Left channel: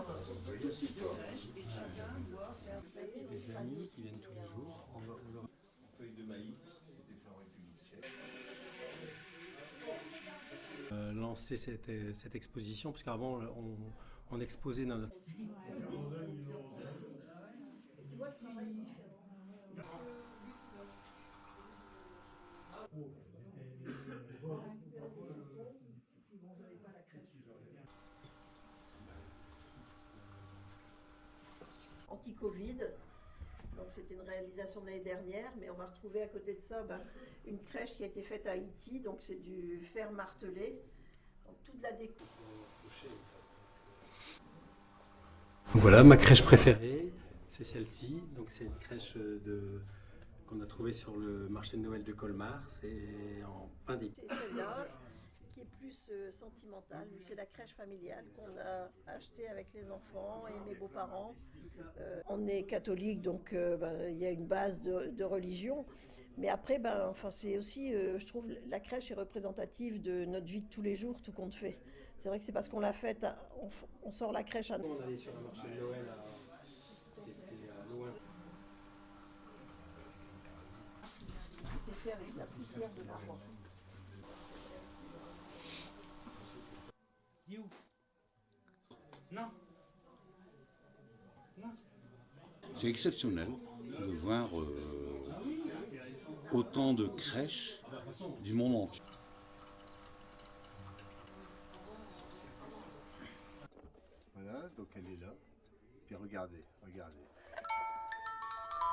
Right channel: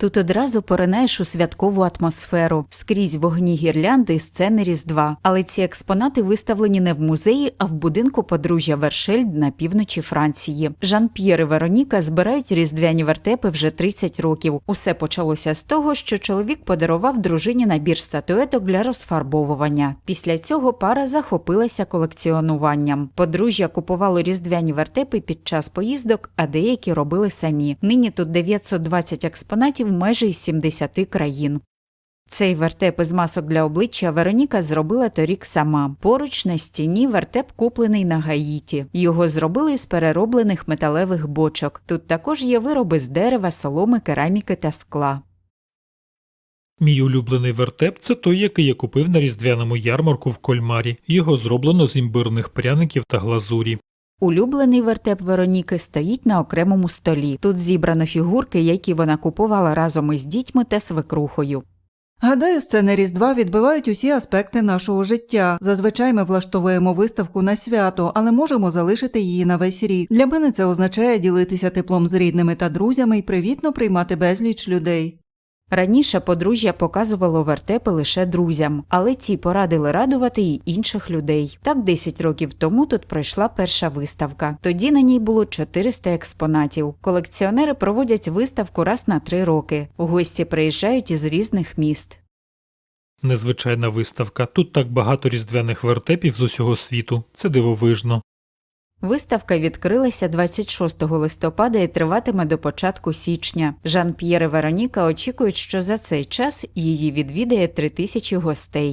Тут одразу поринаєш у святкову атмосферу. Скрізь вогні гірлянди і сцени Різдва. Але ці експонати виставлені не в музеї, а в будинку подружжя Вершельд на півночі Франції. Жан-П'єр і Вероніка збирають різдвяні вертепи вже 30 років. Усе почалося з того, що чоловік подарував дружині набір статуеток для розфарбовування. Після цього пара захопилася колекціонуванням. Подружжя купувало різдвяні вертепи під час поїздок, а деякі робили самі. Нині тут 920 експонатів майже із 70 країн. Цей вертеп із масок для обличчя Вероніка зробила торік сама. Поруч на стіні вертеп куплений на Гаїті. Його зробили з перероблених металевих бочок. Тут також є вироби з дерева, соломи, кераміки та скла. Мій улюблений вертеп це той, який я купив на різдвяному ярмарку в Кольмарі. Його зроблено з імбирних пряників та глазурі. Улюблений вертеп Вероніки стоїть на окремому столі. Тут зібрано фігурки, які вона купувала разом із дітьми та свекрухою. Гадаю, сцени Різдва відбивають усі аспекти нашого життя. Зазвичай ми влаштовуємо виставку на свято, але можемо залишити її на весь рік. Для мене це означає ділитися теплом з рідними та друзями і привітно приймати безліч людей. Раніше подружжя показувало вертепи лише друзям, але ті порадили радувати й інших людей. Так 10 років тому тут пройшла перша виставка. Тоді на ній було 400 експонатів. Колекціонери проводять виставку раз на три роки. Гості приїжджають із різних міст. Незвичайна виставка. Тут так багато різдвяних вертепів з усього світу. Це дивовижно. Виставка відкрилася 26 листопада і триватиме до початку січня. Жан-П'єр і Вероніка очікують, що за цей час її відвідає три тисячі гостей.